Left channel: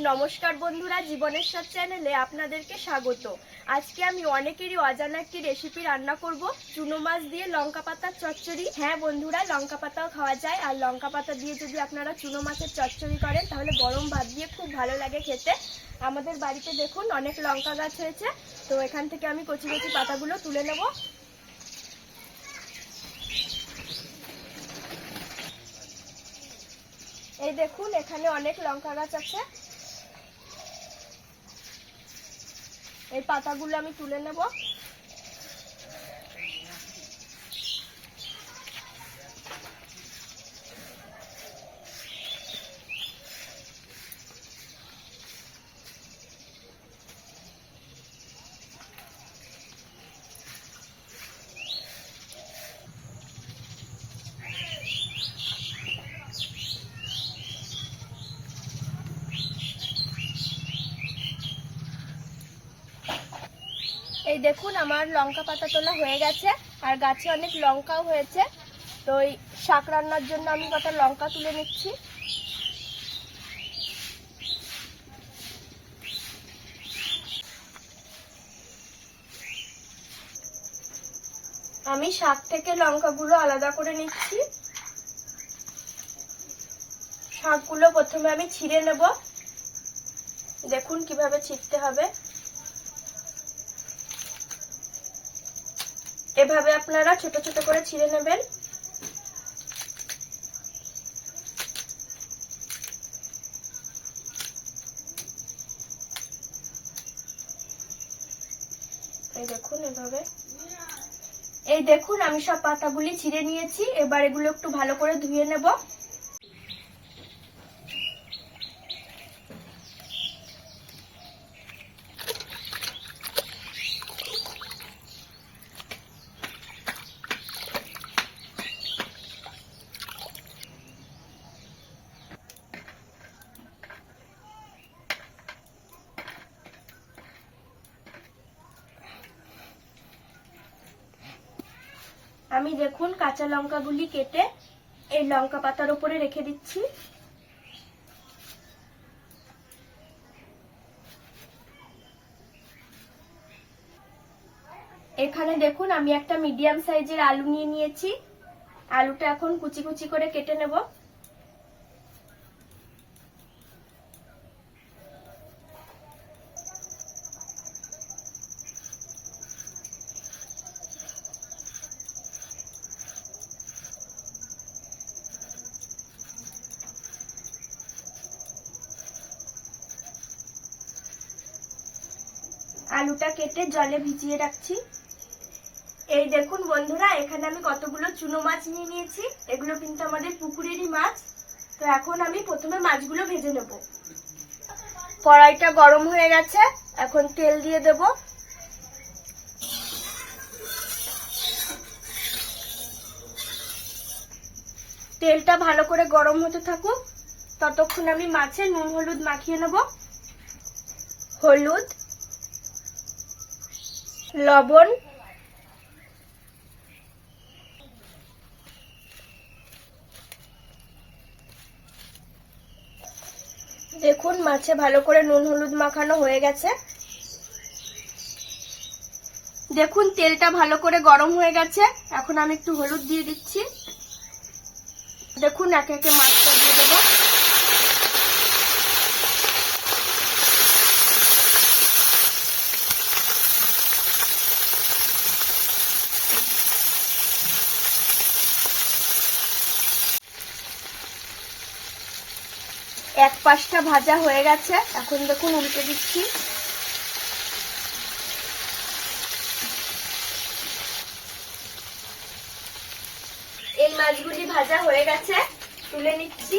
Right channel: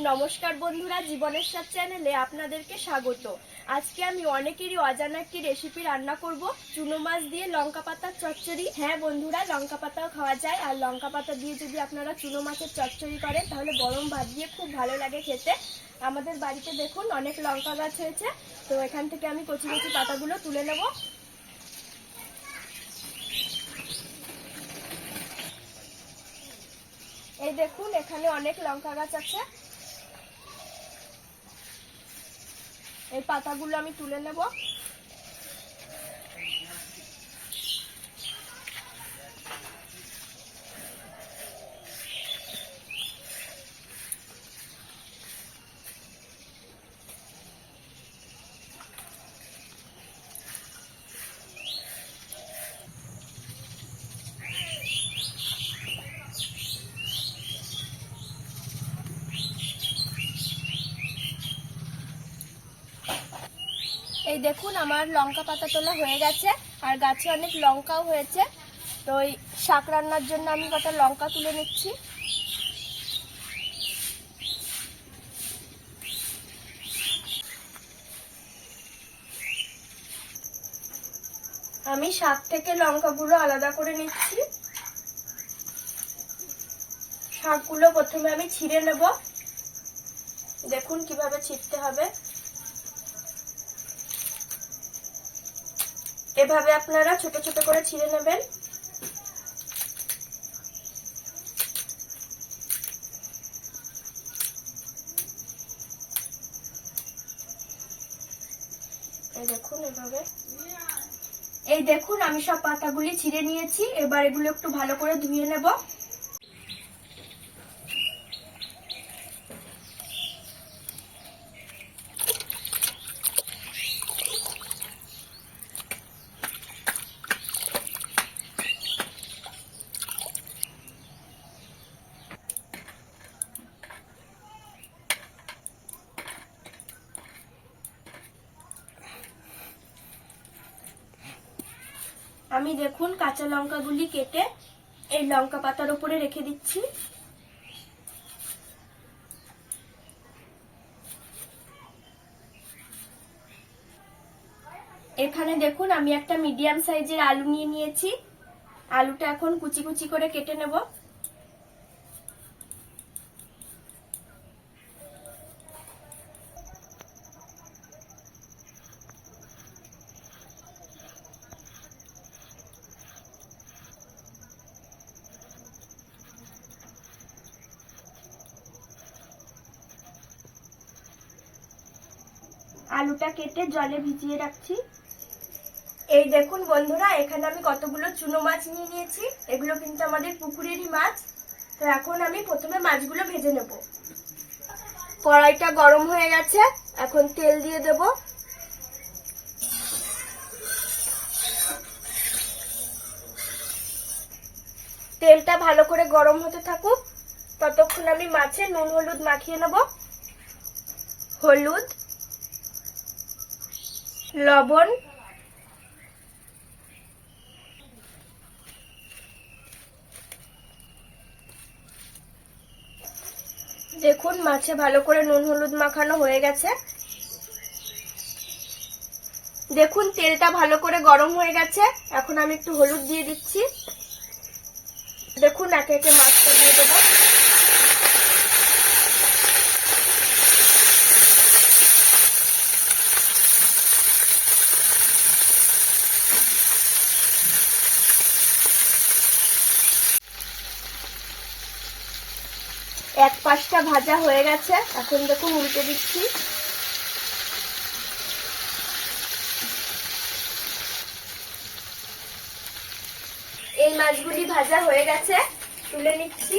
নমস্কার বন্ধুরা, জীবনের সব চ্যানেলে আপনাদেরকে স্বাগত। আজকে আমি অনেকেরই অজানা একটি রেসিপি রান্না করব। চুনো মাছ দিয়ে লঙ্কা পাতার চচ্চড়ি। হ্যাঁ বন্ধুরা, লঙ্কা পাতাও খাওয়া যায়। আর লঙ্কা পাতা দিয়ে যদি আপনারা চুনো মাছের চচ্চড়ি করেন, তাহলে গরম ভাত দিয়ে খুব ভালো লাগে খেতে। আমাদের বাড়িতে দেখুন, অনেক লঙ্কা গাছ হয়েছে। তো এখান থেকে আমি কচি কচি পাতাগুলো তুলে নেব। এই দেখুন, এখানে অনেক লঙ্কা গাছ আছে। এই পাতাগুলো আমি তুলে নেব। এই দেখুন, আমার লঙ্কা পাতা তোলা হয়ে গেছে, আর গাছে অনেক লঙ্কাও হয়েছে। তো ওই শাক রান্নার জন্য আমি কটা লঙ্কা তুলে নিচ্ছি। আমি শাক থেকে লঙ্কাগুলো আলাদা করে নিচ্ছি। শাকগুলো প্রথমে আমি ছিঁড়ে নেব। দেখুন কীভাবে ছিঁড়তে হবে। এভাবে আপনারা ছোট ছোট করে ছিঁড়ে নেবেন। এই দেখুন এভাবে। এই দেখুন, আমি সব পাতাগুলি ছিঁড়ে নিয়েছি। এবার এগুলো একটু ভালো করে ধুয়ে নেব। আমি দেখুন কাঁচা লঙ্কাগুলি কেটে এই লঙ্কা পাতার উপরে রেখে দিচ্ছি। এখানে দেখুন আমি একটা মিডিয়াম সাইজের আলু নিয়ে নিয়েছি। আলুটা এখন কুচি কুচি করে কেটে নেব। আলুটা কেটে জলে ভিজিয়ে রাখছি। এই দেখুন বন্ধুরা, এখানে আমি কতগুলো চুনো মাছ নিয়ে নিয়েছি। এগুলো কিন্তু আমাদের পুকুরেরই মাছ। তো এখন আমি প্রথমে মাছগুলো ভেজে নেব। কড়াইটা গরম হয়ে গেছে, এখন তেল দিয়ে দেব। তেলটা ভালো করে গরম হতে থাকুক। ততক্ষণ আমি মাছে নুন, হলুদ মাখিয়ে নেব। হলুদ লবণ, দেখুন, মাছে ভালো করে নুন হলুদ মাখানো হয়ে গেছে। দেখুন, তেলটা ভালো করে গরম হয়ে গেছে। এখন আমি একটু হলুদ দিয়ে দিচ্ছি। দেখুন, একে একে মাছটা দিয়ে দেবো। এক পাশটা ভাজা হয়ে গেছে। এখন দেখুন উল্টে দিচ্ছি। এই মাছগুলি ভাজা হয়ে গেছে। তুলে নিচ্ছি।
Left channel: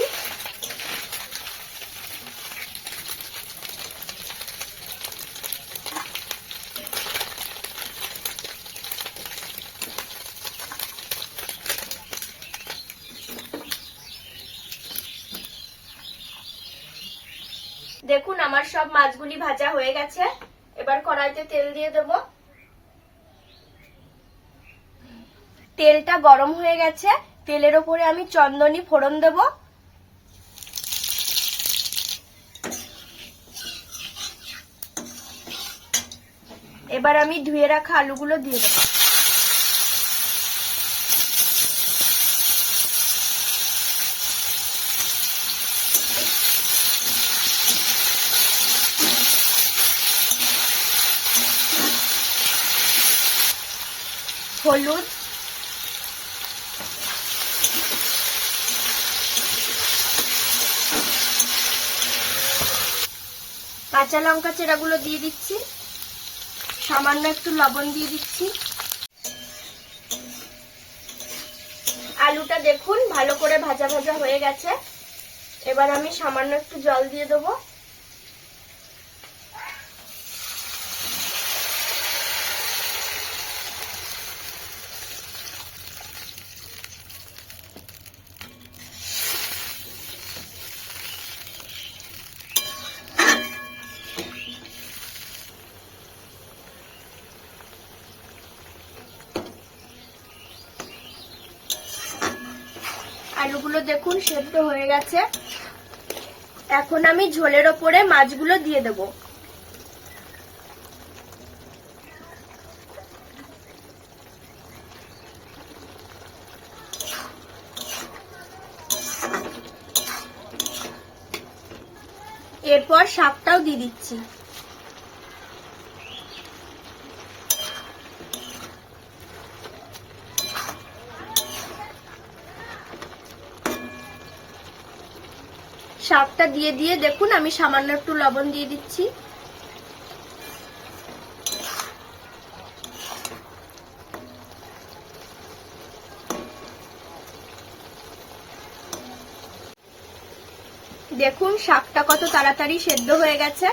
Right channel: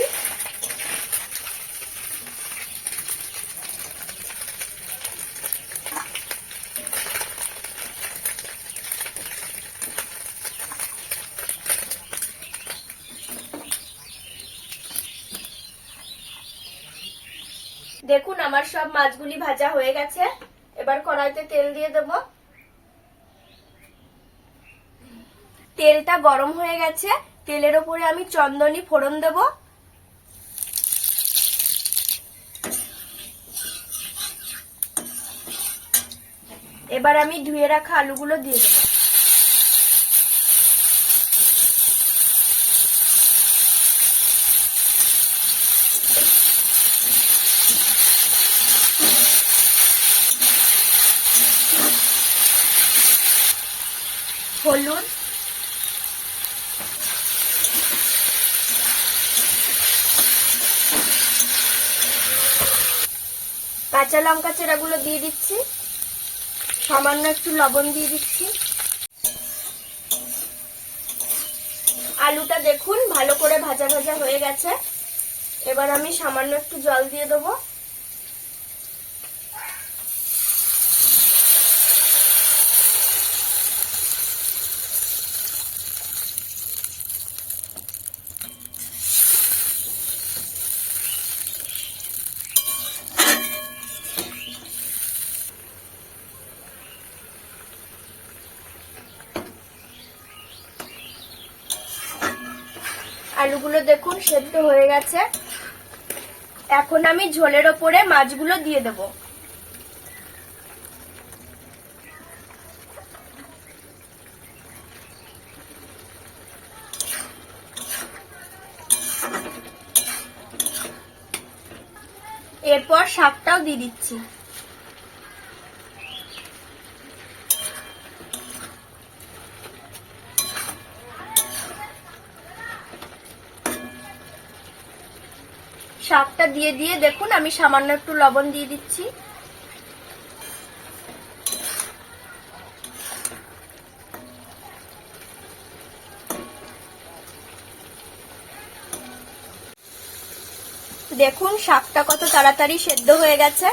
দেখুন, আমার সব মাছগুলি ভাজা হয়ে গেছে। এবার কড়াইতে তেল দিয়ে দেব। তেলটা গরম হয়ে গেছে। তেলের ওপরে আমি চন্দনী ফোড়ন দেব। এবার আমি ধুয়ে রাখা আলুগুলো দিয়ে দেবো। হলুদ। কাঁচা লঙ্কা চেরাগুলো দিয়ে দিচ্ছি। সামান্য একটু লবণ দিয়ে দিচ্ছি। আলুটা দেখুন, ভালো করে ভাজা ভাজা হয়ে গেছে। এবার আমি সামান্য একটু জল দিয়ে দেবো। আলুগুলো দেখুন, সেদ্ধ হয়ে গেছে। এখন আমি ঝোলের ওপরে মাছগুলো দিয়ে দেব। এরপর শাকটাও দিয়ে দিচ্ছি। শাকটা দিয়ে দিয়ে দেখুন, আমি সামান্য একটু লবণ দিয়ে দিচ্ছি। দেখুন শাকটা কত তাড়াতাড়ি সেদ্ধ হয়ে গেছে।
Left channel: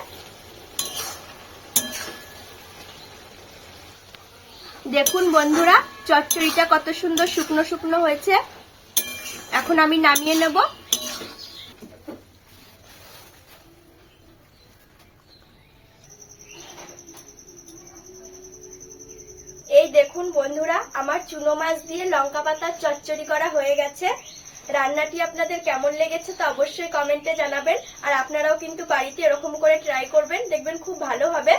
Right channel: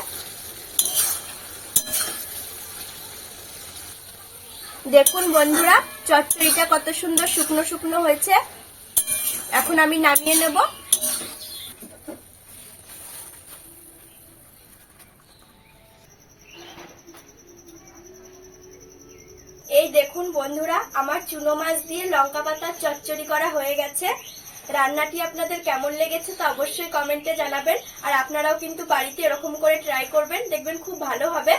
দেখুন বন্ধুরা, চচ্চড়িটা কত সুন্দর শুকনো শুকনো হয়েছে। এখন আমি নামিয়ে নেব এই দেখুন বন্ধুরা আমার চুনো মাছ দিয়ে লঙ্কা পাতার চচ্চড়ি করা হয়ে গেছে। রান্নাটি আপনাদের কেমন লেগেছে তো অবশ্যই কমেন্টে জানাবেন। আর আপনারাও কিন্তু বাড়িতে এরকম করে ট্রাই করবেন, দেখবেন খুব ভালো হবে।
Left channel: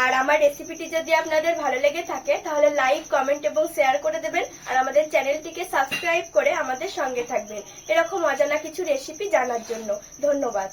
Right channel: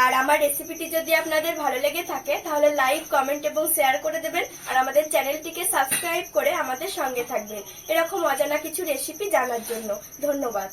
আর আমার রেসিপিটি যদি আপনাদের ভালো লেগে থাকে, তাহলে লাইক কমেন্ট এবং শেয়ার করে দেবেন। আর আমাদের চ্যানেলটিকে সাবস্ক্রাইব করে আমাদের সঙ্গে থাকবেন। এরকম অজানা কিছু রেসিপি জানার জন্য। ধন্যবাদ।